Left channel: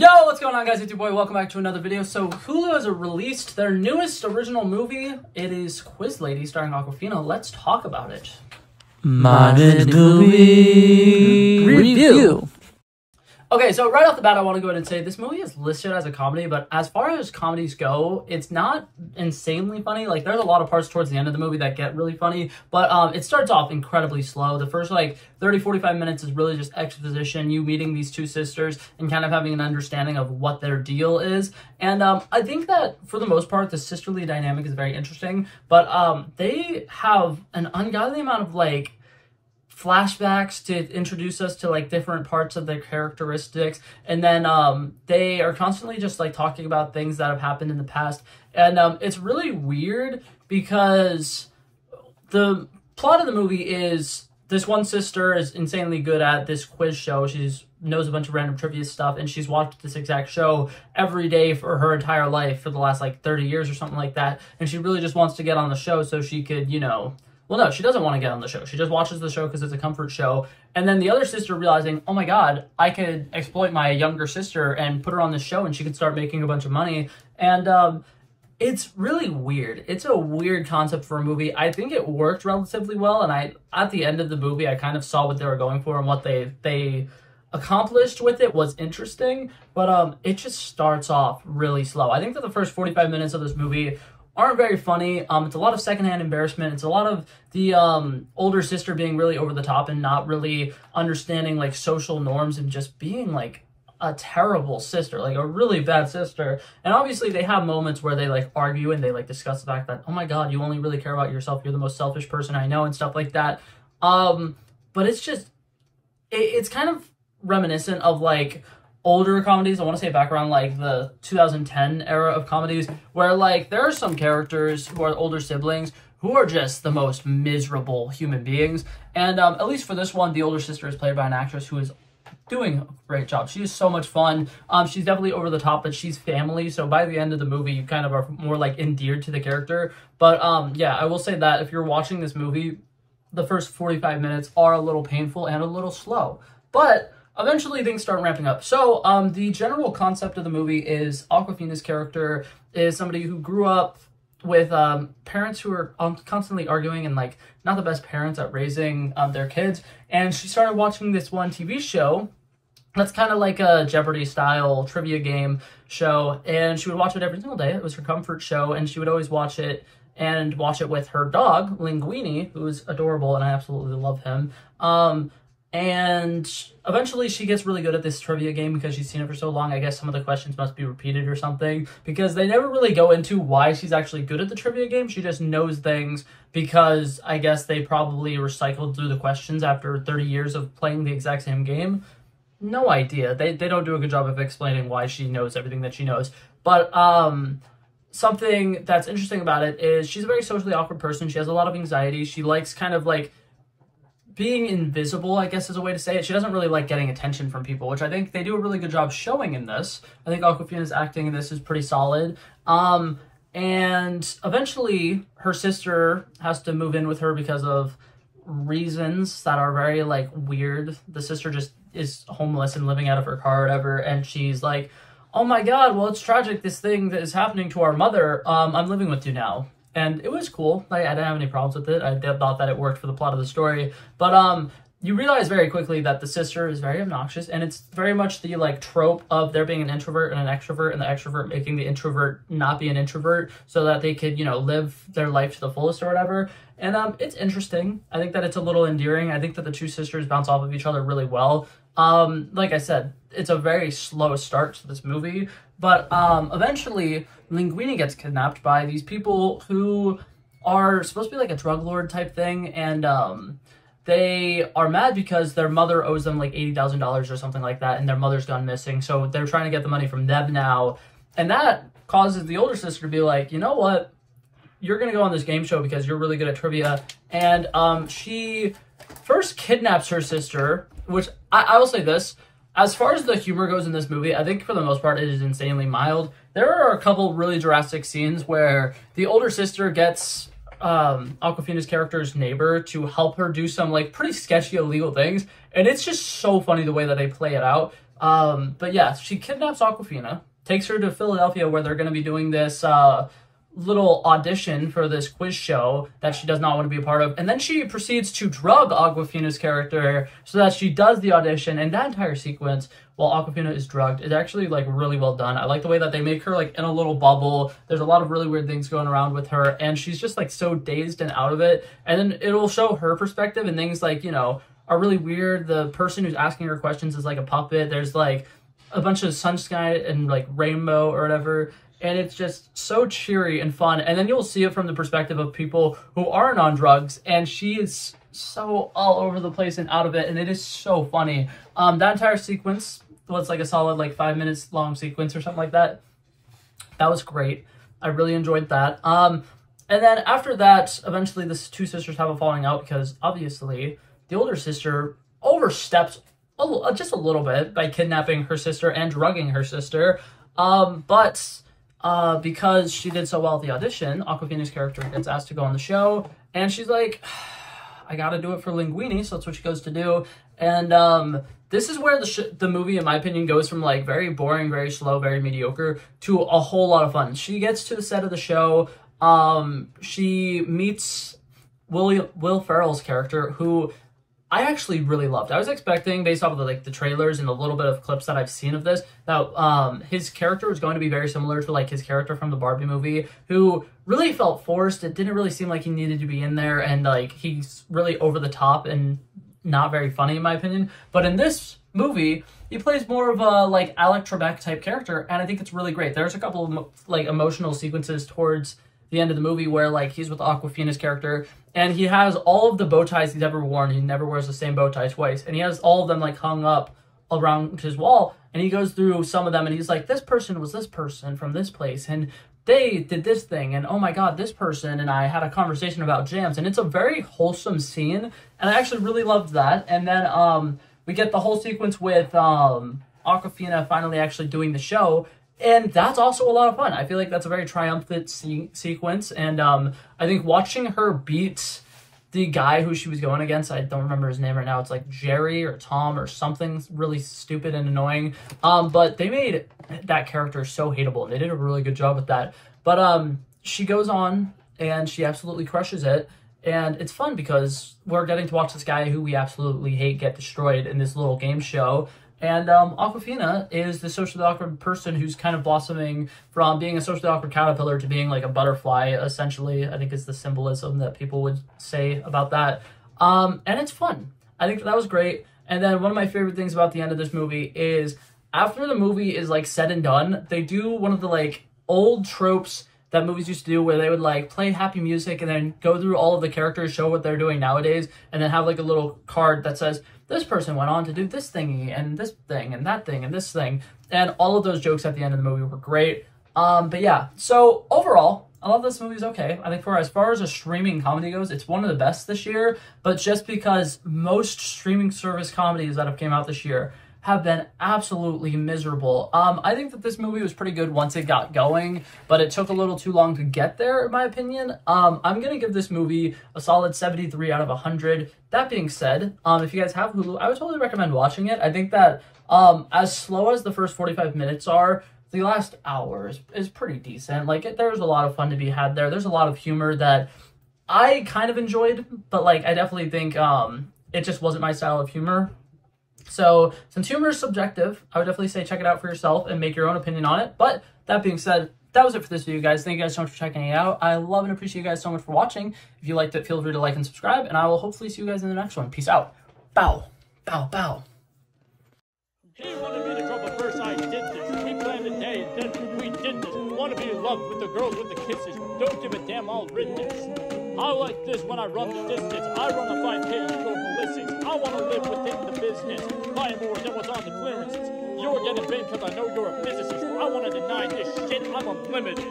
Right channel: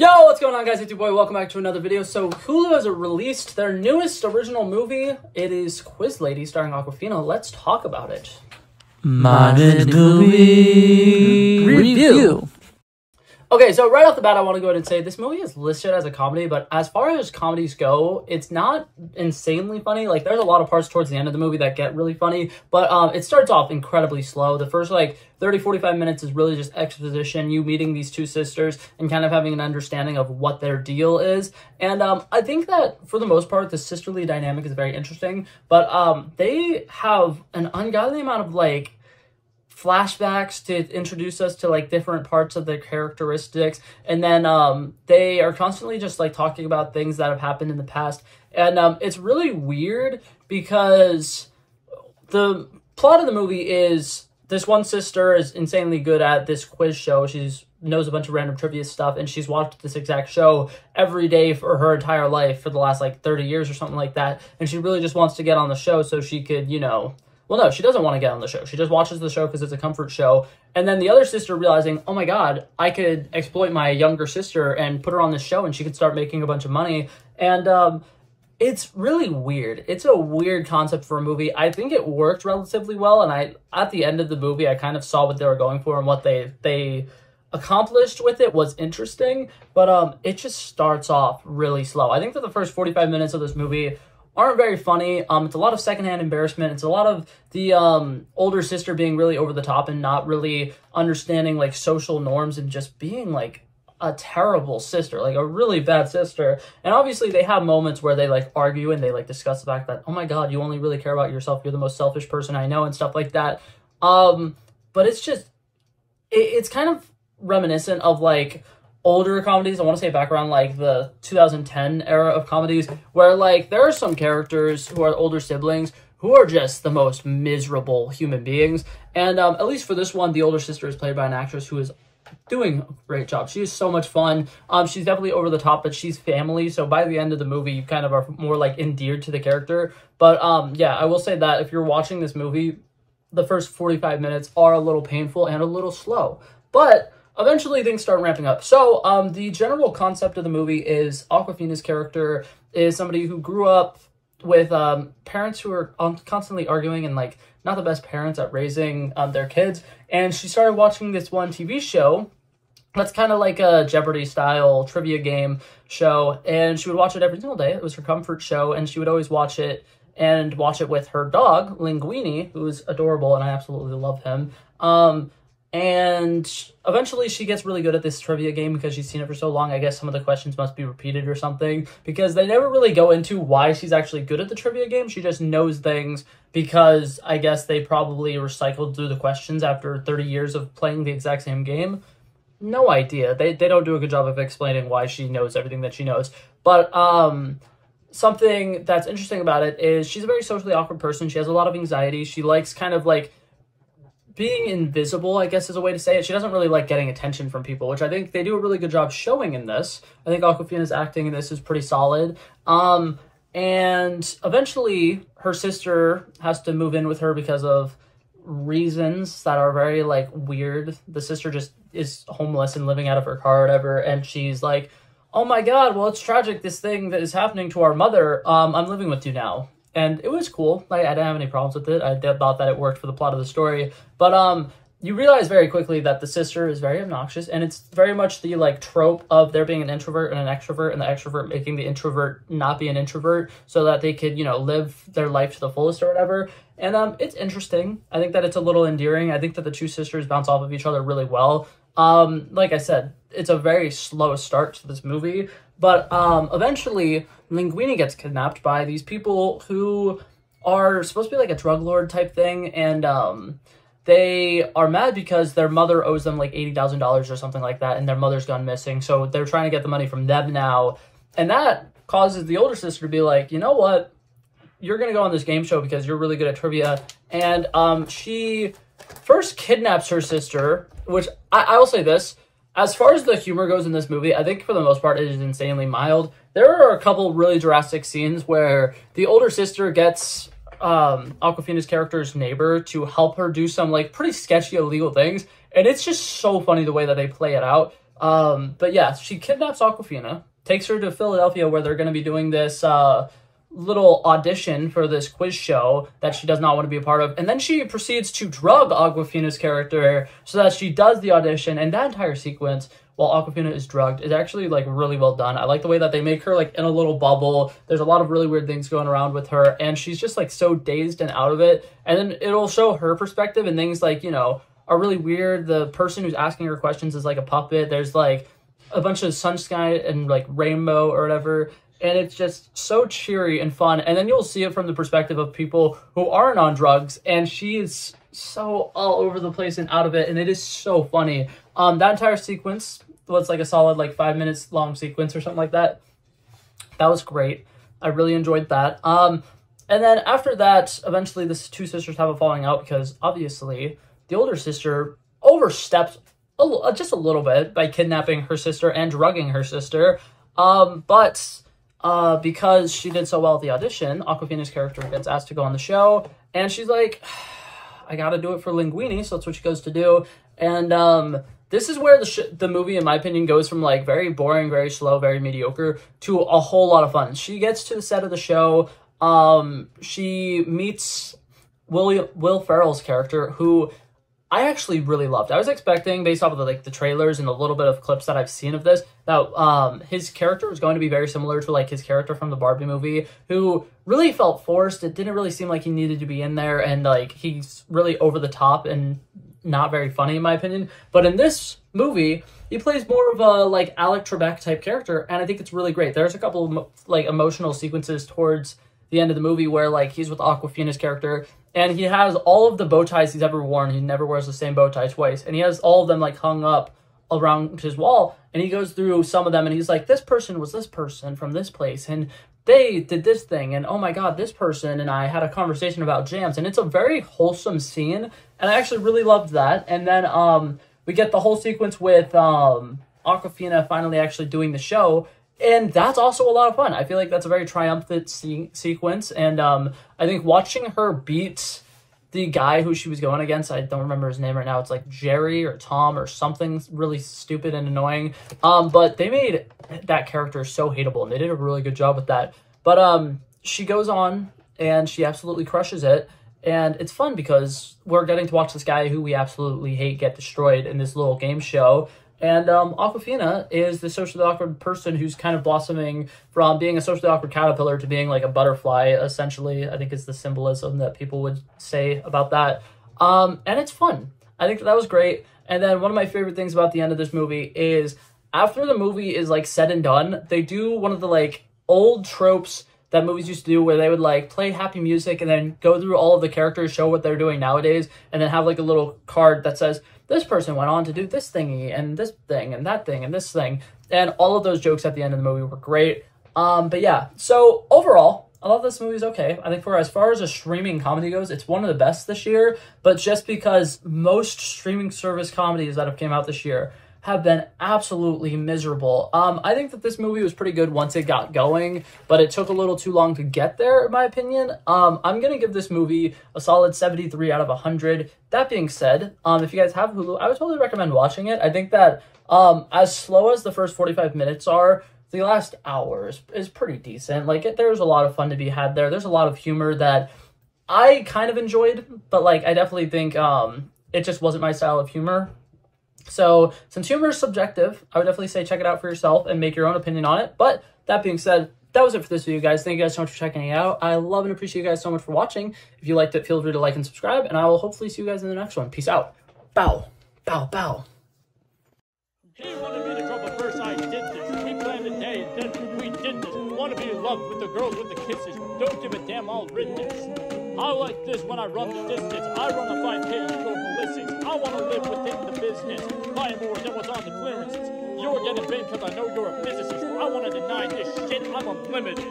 Yo, what's going on, guys? It's your boy. Welcome back to another video. So Hulu has released their newest original movie. It is Quiz Lady starring Awkwafina. Let's talk about it. Modern movie review. Okay, so right off the bat, I want to go ahead and say this movie is listed as a comedy, but as far as comedies go, it's not insanely funny. Like, there's a lot of parts towards the end of the movie that get really funny, but it starts off incredibly slow. The first, 30-45 minutes is really just exposition, you meeting these two sisters and kind of having an understanding of what their deal is. And I think that, for the most part, the sisterly dynamic is very interesting, but they have an ungodly amount of, flashbacks to introduce us to different parts of their characteristics, and then they are constantly just talking about things that have happened in the past, and it's really weird because the plot of the movie is this one sister is insanely good at this quiz show. She knows a bunch of random trivia stuff, and she's watched this exact show every day for her entire life for the last 30 years or something like that, and she really just wants to get on the show so she could, well, no, she doesn't want to get on the show. She just watches the show because it's a comfort show. And then the other sister realizing, oh my God, I could exploit my younger sister and put her on the show and she could start making a bunch of money. And it's really weird. It's a weird concept for a movie. I think it worked relatively well. And at the end of the movie, I kind of saw what they were going for, and what they accomplished with it was interesting. But it just starts off really slow. I think that the first 45 minutes of this movie aren't very funny. It's a lot of secondhand embarrassment. It's a lot of the older sister being really over the top and not really understanding social norms, and just being a terrible sister, a really bad sister. And obviously they have moments where they argue and they discuss the fact that, oh my God, you only really care about yourself. You're the most selfish person I know, and stuff like that. But it's just, it's kind of reminiscent of older comedies. I want to say back around the 2010 era of comedies, where there are some characters who are older siblings who are just the most miserable human beings. And at least for this one, the older sister is played by an actress who is doing a great job. She is so much fun. She's definitely over the top, but she's family, so by the end of the movie you kind of are more endeared to the character. But yeah, I will say that if you're watching this movie, the first 45 minutes are a little painful and a little slow, but eventually things start ramping up. So the general concept of the movie is Awkwafina's character is somebody who grew up with parents who are constantly arguing, and not the best parents at raising their kids. And she started watching this one TV show that's kind of like a Jeopardy style trivia game show, and she would watch it every single day. It was her comfort show, and she would always watch it with her dog Linguini, who's adorable, and I absolutely love him. And eventually she gets really good at this trivia game because she's seen it for so long. I guess some of the questions must be repeated or something, because they never really go into why she's actually good at the trivia game. She just knows things because I guess they probably recycled through the questions after 30 years of playing the exact same game. No idea. They don't do a good job of explaining why she knows everything that she knows. But something that's interesting about it is she's a very socially awkward person. She has a lot of anxiety. She likes kind of being invisible, I guess is a way to say it. She doesn't really like getting attention from people, which I think they do a really good job showing in this. I think Awkwafina's acting in this is pretty solid. And eventually her sister has to move in with her because of reasons that are very weird. The sister just is homeless and living out of her car or whatever, and she's like, oh my God, well, it's tragic, this thing that is happening to our mother. I'm living with you now. And it was cool. I didn't have any problems with it. I thought that it worked for the plot of the story. But you realize very quickly that the sister is very obnoxious, and it's very much the trope of there being an introvert and an extrovert, and the extrovert making the introvert not be an introvert so that they could, live their life to the fullest or whatever. And it's interesting. I think that it's a little endearing. I think that the two sisters bounce off of each other really well. Like I said, it's a very slow start to this movie, but eventually Linguini gets kidnapped by these people who are supposed to be a drug lord type thing, and they are mad because their mother owes them $80,000 or something like that, and their mother's gone missing, so they're trying to get the money from them now. And that causes the older sister to be like, you know what, you're gonna go on this game show because you're really good at trivia. And she first kidnaps her sister, which I will say this, as far as the humor goes in this movie, I think for the most part it is insanely mild. There are a couple really drastic scenes where the older sister gets Awkwafina's character's neighbor to help her do some pretty sketchy illegal things, and it's just so funny the way that they play it out. But yeah, she kidnaps Awkwafina, takes her to Philadelphia where they're going to be doing this little audition for this quiz show that she does not want to be a part of. And then she proceeds to drug Awkwafina's character so that she does the audition. And that entire sequence while Awkwafina is drugged is actually like really well done. I like the way that they make her like in a little bubble. There's a lot of really weird things going around with her, and she's just like so dazed and out of it. And then it'll show her perspective, and things like, you know, are really weird. The person who's asking her questions is like a puppet. There's like a bunch of sun sky and like rainbow or whatever. And it's just so cheery and fun. And then you'll see it from the perspective of people who aren't on drugs. And she is so all over the place and out of it. And it is so funny. That entire sequence was like a solid like 5 minutes long sequence or something like that. That was great. I really enjoyed that. And then after that, eventually the two sisters have a falling out because obviously the older sister oversteps just a little bit by kidnapping her sister and drugging her sister. Because she did so well at the audition, Awkwafina's character gets asked to go on the show, and she's like, I gotta do it for Linguini, so that's what she goes to do. And this is where the movie, in my opinion, goes from like very boring, very slow, very mediocre to a whole lot of fun. She gets to the set of the show, she meets Will Ferrell's character, who I actually really loved. I was expecting, based off of the trailers and a little bit of clips that I've seen of this, that his character was going to be very similar to like his character from the Barbie movie, who really felt forced. It didn't really seem like he needed to be in there, and like he's really over the top and not very funny in my opinion. But in this movie, he plays more of a like Alec Trebek type character, and I think it's really great. There's a couple of like emotional sequences towards the end of the movie where like he's with Awkwafina's character, and he has all of the bow ties he's ever worn. He never wears the same bow tie twice. And he has all of them like hung up around his wall. And he goes through some of them and he's like, this person was this person from this place. And they did this thing. And oh my God, this person and I had a conversation about jams. And it's a very wholesome scene. And I actually really loved that. And then we get the whole sequence with Awkwafina finally actually doing the show. And that's also a lot of fun. I feel like that's a very triumphant sequence. And I think watching her beat the guy who she was going against, I don't remember his name right now. It's like Jerry or Tom or something really stupid and annoying. But they made that character so hateable. And they did a really good job with that. But she goes on and she absolutely crushes it. And it's fun because we're getting to watch this guy who we absolutely hate get destroyed in this little game show. And Awkwafina is the socially awkward person who's kind of blossoming from being a socially awkward caterpillar to being like a butterfly, essentially. I think is the symbolism that people would say about that. And it's fun. I think that was great. And then one of my favorite things about the end of this movie is after the movie is like said and done, they do one of the like old tropes that movies used to do where they would like play happy music and then go through all of the characters, show what they're doing nowadays, and then have like a little card that says, this person went on to do this thingy and this thing and that thing and this thing. And all of those jokes at the end of the movie were great. But yeah, so overall, I love this movie. Is okay. I think for as far as a streaming comedy goes, it's one of the best this year. But just because most streaming service comedies that have came out this year have been absolutely miserable. I think that this movie was pretty good once it got going, but it took a little too long to get there, in my opinion. I'm going to give this movie a solid 73 out of 100. That being said, if you guys have Hulu, I would totally recommend watching it. I think that as slow as the first 45 minutes are, the last hour is pretty decent. Like, there's a lot of fun to be had there. There's a lot of humor that I kind of enjoyed, but like, I definitely think it just wasn't my style of humor. So, since humor is subjective, I would definitely say check it out for yourself and make your own opinion on it. But, that being said, that was it for this video, guys. Thank you guys so much for checking it out. I love and appreciate you guys so much for watching. If you liked it, feel free to like and subscribe, and I will hopefully see you guys in the next one. Peace out. Bow. Bow, bow. He wanted me to drop a verse, I did this. He planned a day, and then we did this. Wanna be in love with the girls with the kisses. Don't give a damn, I'll rid this. I like this when I run the distance. I run a 5K, you go ballistics. I wanna live within the business. Buy more than what's on the clearances. You're getting big because I know you're a physicist. I wanna deny this shit, I'm unlimited.